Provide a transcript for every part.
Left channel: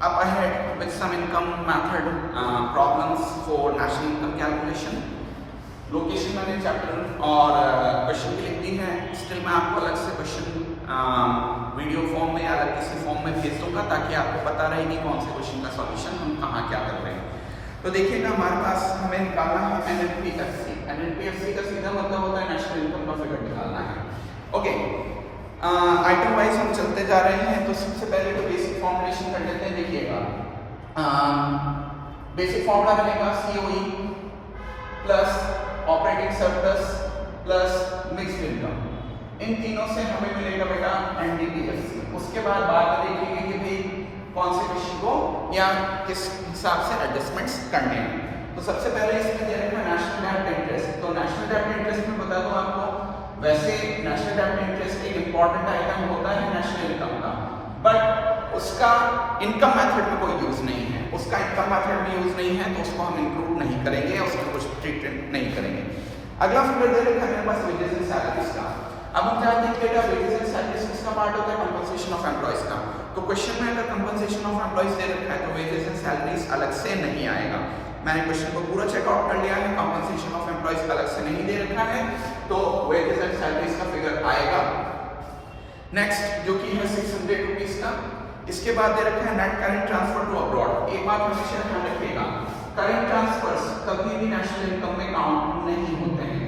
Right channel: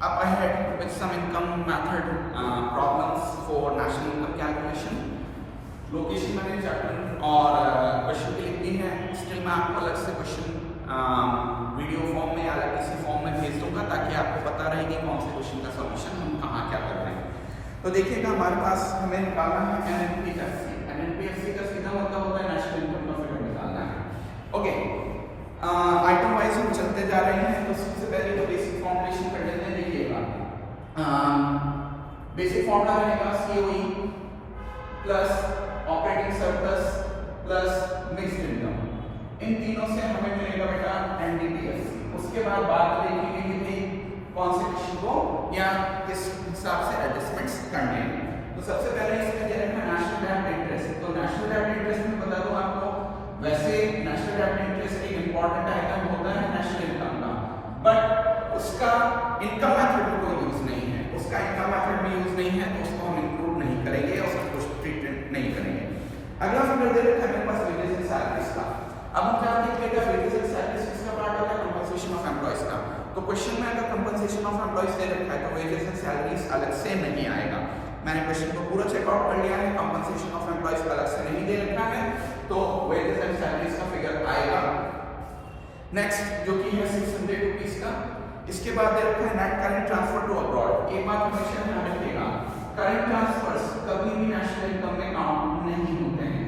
up ahead with some income method problems for national income calculation. Location मैंने chapter और question की लिख दी है, स्टिल मैं आपको अलग से क्वेश्चन वीडियो फॉर्म में या अलग किसी फॉर्म में भेज दूंगा ताकि आपको पता रहेगी कौन से क्वेश्चन का सॉल्यूशन हम कहाँ क्या कर रहे हैं। तो देखिएगा हमारे पास हमें निकालना है NNPFC। NNPFC का सीधा मतलब होता है नेशनल इनकम का फिगर निकालना है। ओके, आइटम वाइज हम चलते जा रहे हैं। तो सबसे पहले तो बेसिक फॉर्मुलेशन कर लेते हैं। देखिएगा बेसिक फॉर्मूला रहेगा COE plus operating surplus plus mixed income. इन तीनों से हमें मिलेगा बेटा NDPFC। उसके बाद में देखेंगे कि भाई कौन से क्वेश्चन को या किस हिसाब से एडजस्टमेंट्स करने हैं। तो सबसे पहले इसमें दे रखा है नेशनल डेब्ट इंटरेस्ट। तो नेशनल डेब्ट इंटरेस्ट में बता दूं आपको, वैसे नेशनल डेब्ट इंटरेस्ट एक इंपॉर्टेंट आइटम होता है नेशनल इनकम का, बट उसका इनकम मेथड में कोई यूज नहीं है। उसका इनकम मेथड में यूज नहीं है तो उसको हम इंक्लूड नहीं करेंगे, उसको कुछ ट्रीटमेंट नहीं करेंगे। अगला फिगर दे रखा है मेरे पास वेजेस एंड सैलरीज का। अब हम जानते हैं कि बेटा वेजेस एंड सैलरीज किसका पार्ट होता है? कंपनसेशन ऑफ एम्प्लॉइज का। तो क्वेश्चन में अगर कंपनसेशन ऑफ एम्प्लॉइज दे रखा है तो वेजेस एंड सैलरीज अलग से नहीं आएगा। मैंने क्वेश्चन को पूरा चेकआउट कर लिया है, कंपनसेशन ऑफ एम्प्लॉइज अलग से नहीं दे रखा है, तो वेजेस एंड सैलरीज का फिगर आएगा। नेक्स्ट जो कि है 600 रुपीज का। इसके बाद दे रखा है net current transfer to abroad. एक बात हमेशा ध्यान रखिएगा, करेंट ट्रांसफर्स कभी भी नेशनल इनकम में काउंट नहीं होते हैं।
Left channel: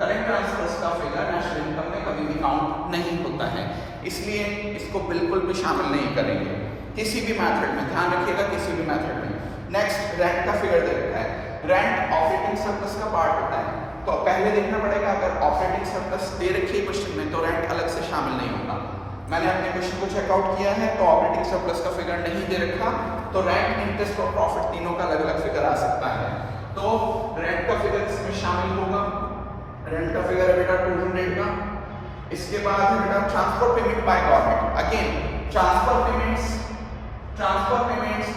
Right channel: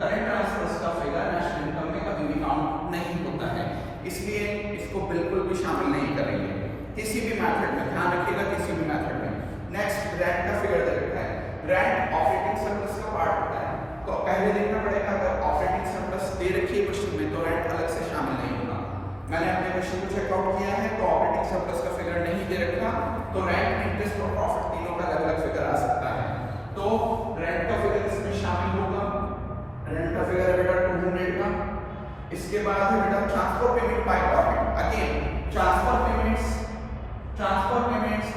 करेंट ट्रांसफर्स का फिगर नेशनल इनकम में कभी भी काउंट नहीं होता है, इसलिए इसको बिल्कुल भी शामिल नहीं करेंगे किसी भी मेथड में। ध्यान रखिएगा किसी भी मेथड में। नेक्स्ट रेंट का फिगर दे रखा है। रेंट ऑपरेटिंग सरप्लस का पार्ट होता है, तो पहले देखना पड़ेगा अगर ऑपरेटिंग सरप्लस दे रखी है क्वेश्चन में तो रेंट अलग से शामिल नहीं होगा। मैंने अपने क्वेश्चन को चेकआउट किया है तो ऑपरेटिंग सरप्लस का फिगर नहीं दे रखा, तो रेंट, इंटरेस्ट और प्रॉफिट तीनों का अलग अलग फिगर आ सकता है। तो रेंट का फिगर इसमें शामिल होगा। रेंट का फिगर है बेटा 200 का। इसके बाद है बेटा transfer payment by government. Again transfer payments,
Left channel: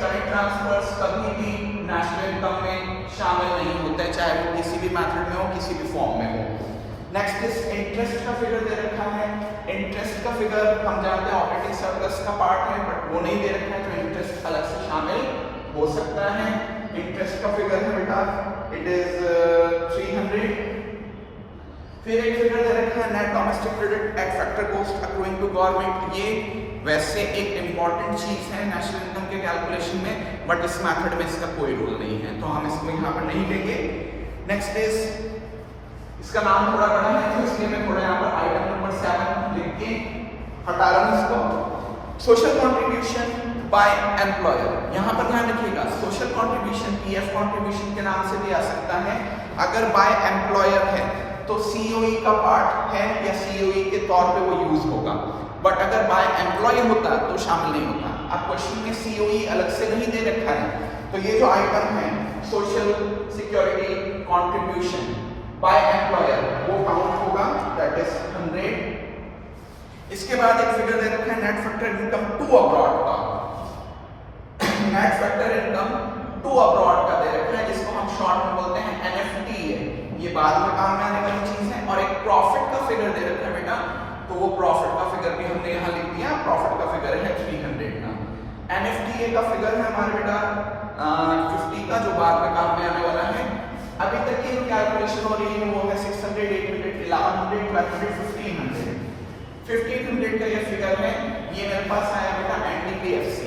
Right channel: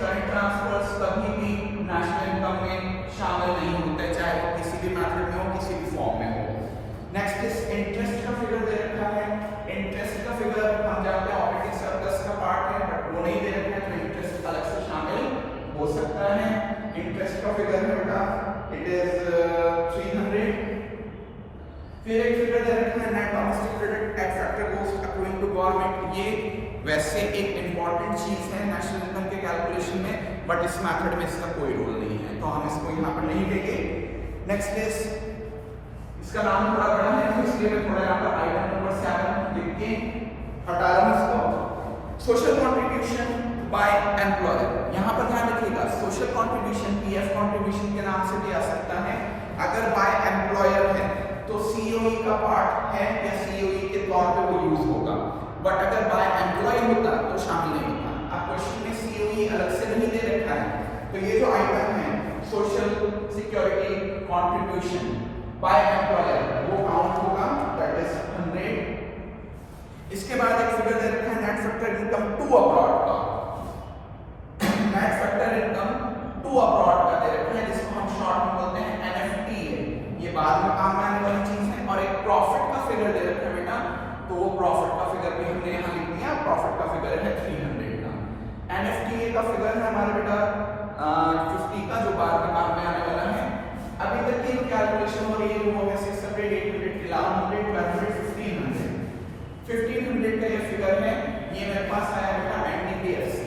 current transfers कभी भी नेशनल इनकम में शामिल नहीं होते, चाहे वो किसी भी मेथड में हो, किसी भी फॉर्म में हो। नेक्स्ट इज इंटरेस्ट का फिगर दे रखा है। इंटरेस्ट का फिगर हम जानते हैं ऑपरेटिंग सरप्लस का पार्ट है, बट वो नहीं दे रखा है तो इंटरेस्ट अलग से शामिल हो सकता है। इंटरेस्ट का फिगर है बेटा इट इज 300। फिर एक फिगर दे रखा है net domestic credit at factor cost accruing to government. ये वैसे एक इंपॉर्टेंट चीज है नेशनल इनकम के कैलकुलेशन में, बट इस मेथड में इसका कोई रोल नहीं है तो हम इसको यहाँ पर नहीं लेंगे। नेक्स्ट इज, इसका नाम थोड़ा बड़ा है तो इसलिए मैं थोड़ा यहाँ पर आइटम नंबर 7 लिख के हटा रहा हूँ इसको। Social contribution by employer. यहाँ पर ध्यान रखिएगा सोशल कॉन्ट्रीब्यूशन PF कॉन्ट्रीब्यूशन के नाम से भी आ सकता है। अगर बाय एम्प्लॉयर है तो COE का पार्ट है या COE के तौर पे वो यूज होगा, बट अगर बाय एम्प्लॉय होता तो शामिल नहीं होता। अब क्वेश्चन में COE अलग से नहीं दे रखा है, तो ये जो आइटम है social security contribution by employer वो काउंट होगा, दैट इज 100। इसके बाद एक फिगर दे रखा है net factor income to abroad का। Net factor income to abroad का दे रखा है, जिसको हम शॉर्ट में बोलते हैं NFTA। ये बाद में काम में आने वाली चीज है। और एक प्रॉफिट का फिगर दे रखा है बेटा, तो वो प्रॉफिट का फिगर भी हमने यहाँ लिख दिया। प्रॉफिट का फिगर है 300 का। NFTA का फिगर है हमारे बेटा 50 का, जो बाद में काम में आने वाला है। अभी तक की जो कैलकुलेशन हो रही है वो है 600, 800, 1100, 1200, 1500 का ये फिगर है। ये मेरे पास आया बेटा NDPFC।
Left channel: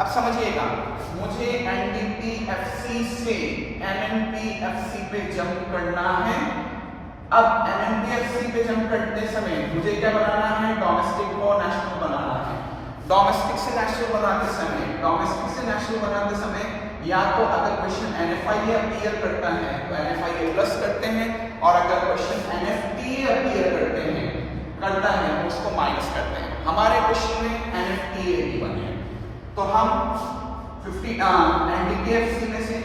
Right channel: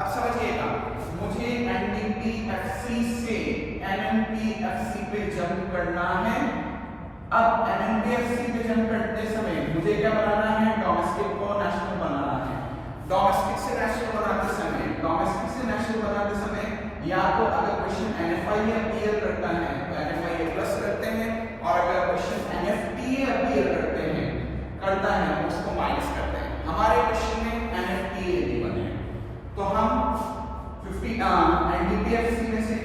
अब समझिएगा, मुझे NDPFC से NNPFC पे जंप करना है। अब NNPFC पे जंप करते समय मुझे क्या बनाना है? डोमेस्टिक को नेशनल बनाना है। डोमेस्टिक से नेशनल बनाते समय या तो अगर क्वेश्चन NFIA अपीयर करता है तो NFIA प्लस करते हैं, और अगर क्वेश्चन NFTA अपीयर करता है तो उसको माइनस करते हैं। हमारे क्वेश्चन में NFTA ही बने हैं, तो हम 50 NDPFC में से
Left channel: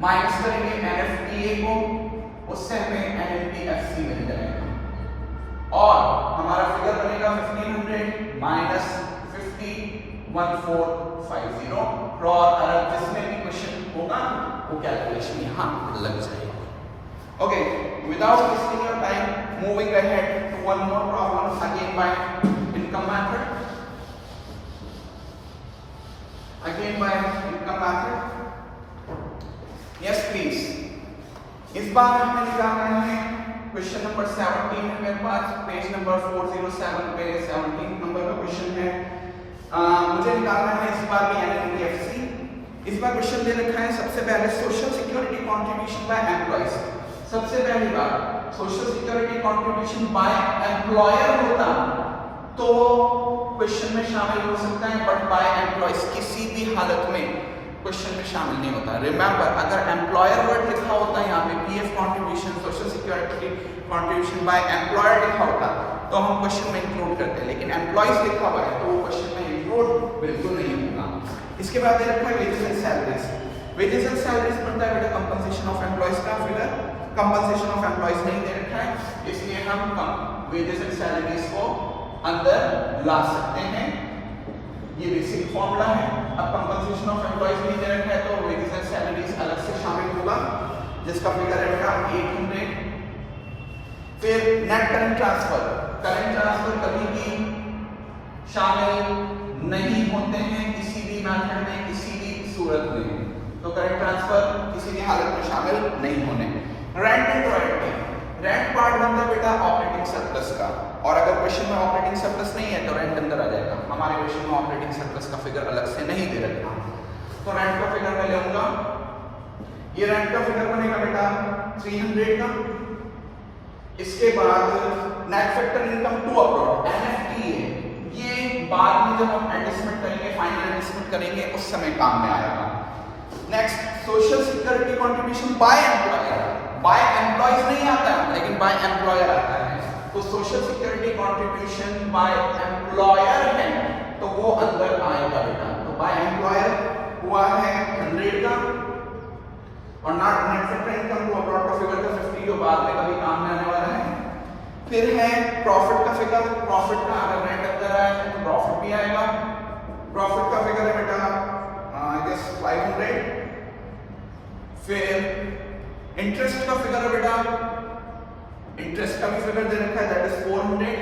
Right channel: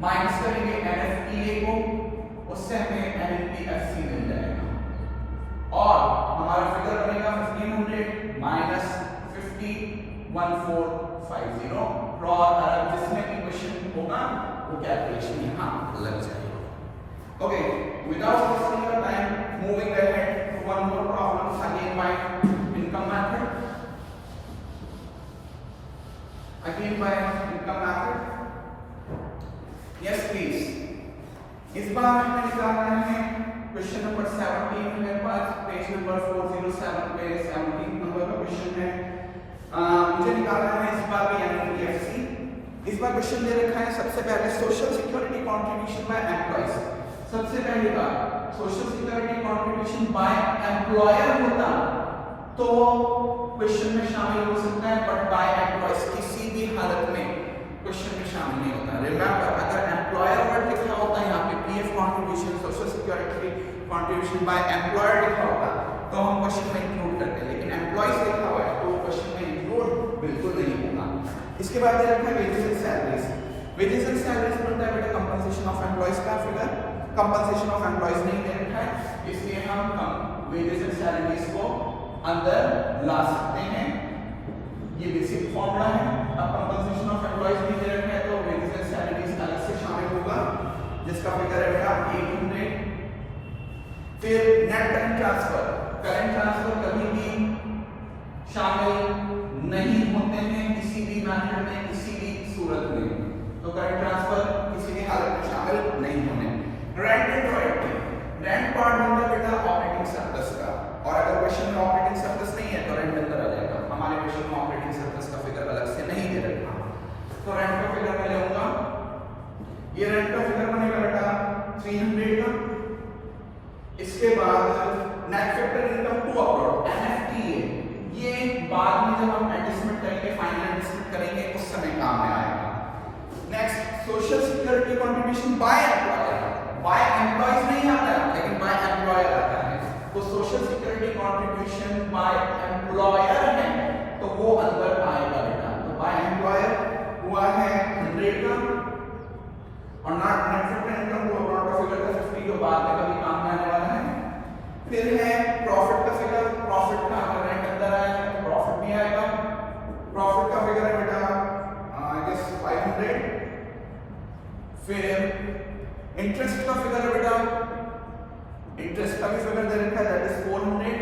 माइनस करेंगे NFTA को, उससे हमें NNPFC मिल जाएगा और हमारा फिगर बनेगा 1500 माइनस 50 1450। और जिसमें भी क्वेश्चन होगा वो कैलकुलेशन यहाँ लग जाएगा। Okay, without wasting your time, moving ahead to one more problem again by income method. Again by income method. Yes please. इस बार हमें निकालना है क्वेश्चन नंबर 17 है मेरे पास, पेज नंबर 407 पे 17 नंबर का क्वेश्चन है। मुझे निकालना है इस बार भी एनपीएफसी। इस बार क्वेश्चन दे रखा है सबसे पहले social security contribution bye employees. सबसे पहली बात social security contribution by employer होता तो क्वेश्चन में शामिल हो सकता है, बट बाय एम्प्लॉइज किसी भी हालत में क्वेश्चन में शामिल नहीं होता। रिमेंबर, अगर एम्प्लॉयर वर्ड लिखा होता है यहाँ पे PF contribution social security contribution by employer लिखा होता तो हम क्वेश्चन में इंक्लूड करते हैं, लेकिन एम्प्लॉइज लिखा हुआ है तो वो क्वेश्चन में इंक्लूड बिल्कुल नहीं होगा। इसके बाद दे रखा है wages and salaries. Wages and salaries बनता है बेटा कंपनसेशन ऑफ एम्प्लॉइज का फिगर। कंपनसेशन ऑफ एम्प्लॉइज नहीं दे रखा है, इसलिए हम वेजेस एंड सैलरीज को अंदर ला सकते हैं। ये बेसिक फॉर्मूला है। अब कंपनसेशन ऑफ एम्प्लॉइज नहीं दे रखा है तो वेजेस एंड सैलरीज अलग से शामिल होगा, जिसका फिगर है बेटा 800। फिर net current transfer. Current transfer कभी भी शामिल नहीं होते हैं किसी भी मेथड में, किसी भी सूरत में, तो करंट ट्रांसफर किसी भी हालत में शामिल नहीं होने। Rent and royalty. Rent part बनता है बेटा ऑपरेटिंग सरप्लस का, और अगर क्वेश्चन में ऑपरेटिंग सरप्लस नहीं है तो रेंट अंदर आ जाएगा। हमारे क्वेश्चन में ऑपरेटिंग सरप्लस का फिगर अलग से नहीं दे रखा, तो रेंट का फिगर मैं लूंगा। ये रेंट का फिगर बनेगा बेटा 300 का। इसके बाद net factor income to abroad NFTA, ये बाद में जब हम एडजस्टमेंट करेंगे, फाइनल एडजस्टमेंट करेंगे, उस समय काम में आएगा। Next social security contribution by employer. By employees नहीं आता लेकिन बाय एम्प्लॉयर आता है, तो social security contribution by employer है तो वो अंदर आएगा बेटा। तो बाय एम्प्लॉयर हुआ है 100 का, और net factor income to abroad का फिगर था 50 जो बाद में कभी काम में आने वाला है। फिर है प्रॉफिट का फिगर। प्रॉफिट का अगर रेंट अंदर आया है तो प्रॉफिट भी आएगा। प्रॉफिट का फिगर है बेटा आई गेस 500। फिर इंटरेस्ट का फिगर है बेटा, इंटरेस्ट का भी फिगर दे रखा है दैट इज 400।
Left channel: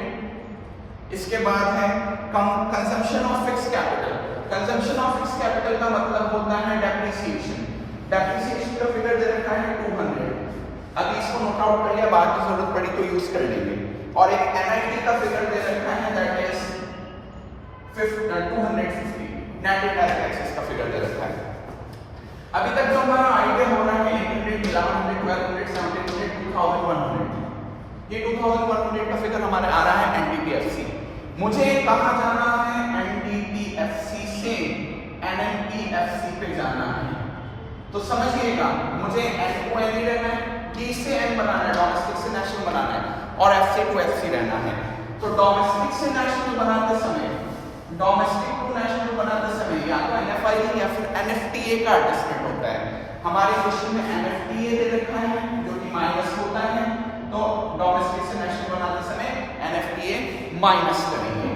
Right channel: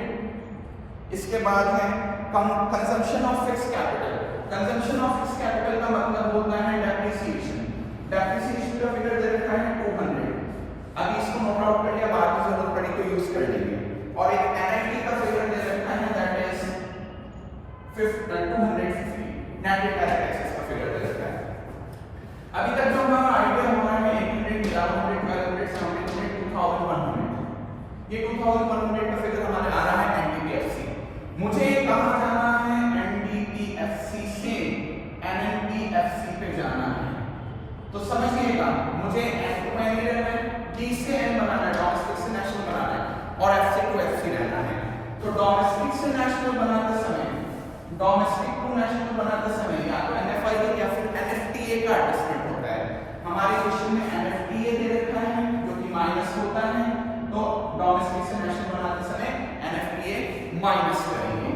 इसके बाद है consumption of fix capital. Consumption of fix capital का मतलब होता है डेप्रिसिएशन। डेप्रिसिएशन का फिगर दे रखा है 200। अभी इसको नोट आउट कर लिया, बाद में जरूरत पड़ी तो यूज कर लेंगे। और एक एनआईटी का फिगर दे रखा है that is 250। Net direct taxes का फिगर दे रखा है। अभी तक जो हमारा आइडिया हो रहा है 800, 1100, 1200, 1700, 2100, ये 2100 का फिगर हमारे आ रहा है एनडीपीएफसी। मुझे कहां जाना है? एनडीपीएफसी से एनएनपीएफसी पे जाना है। तो समझिएगा, मुझे एन टू एन ही रहना है, डी से एन बनाना है, डोमेस्टिक से नेशनल बनाना है, और एफ से टू एफ सी रहना है। तो डोमेस्टिक से नेशनल बनाते समय, डोमेस्टिक टू नेशनल बनाते समय या तो एनएफआई या फिर एनएफटीए का एडजस्टमेंट होता है। हमारे क्वेश्चन में एनएफटीए दे रखा है जो कि माइनस होता है, तो डोमेस्टिक से नेशनल बनाते समय एनएफटीए माइनस करेंगे।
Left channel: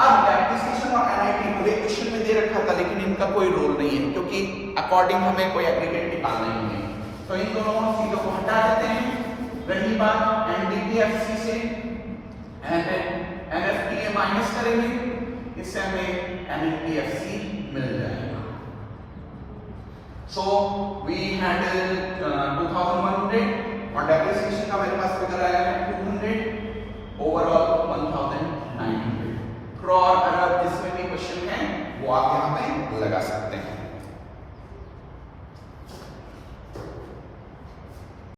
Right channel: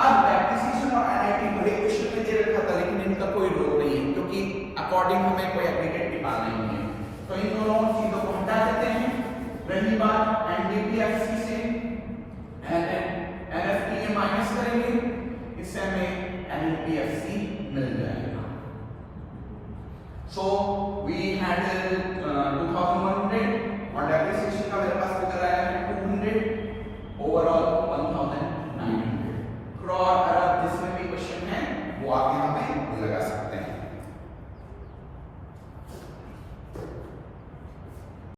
अब डेप्रिसिएशन और एनआईटी भले क्वेश्चन में दे रखा था लेकिन इनका कोई रोल नहीं है, क्योंकि अकॉर्डिंग हमें कोई एग्रीगेट निकालना ही नहीं है, तो इन दोनों चीजों को हटा देते हैं। रही बात एनडीपीएफसी से एनएफटीए माइनस करेंगे, इससे हमें एनपीएफसी मिल जाएगा। सो वी हैंडल 2100 और डेप्रिसिएशन का मेरे पास फिगर आया है 200, ओवरऑल 1900। करोड़, अरब जिसमें भी क्वेश्चन है वो आप यहाँ पे लगा सकते हैं।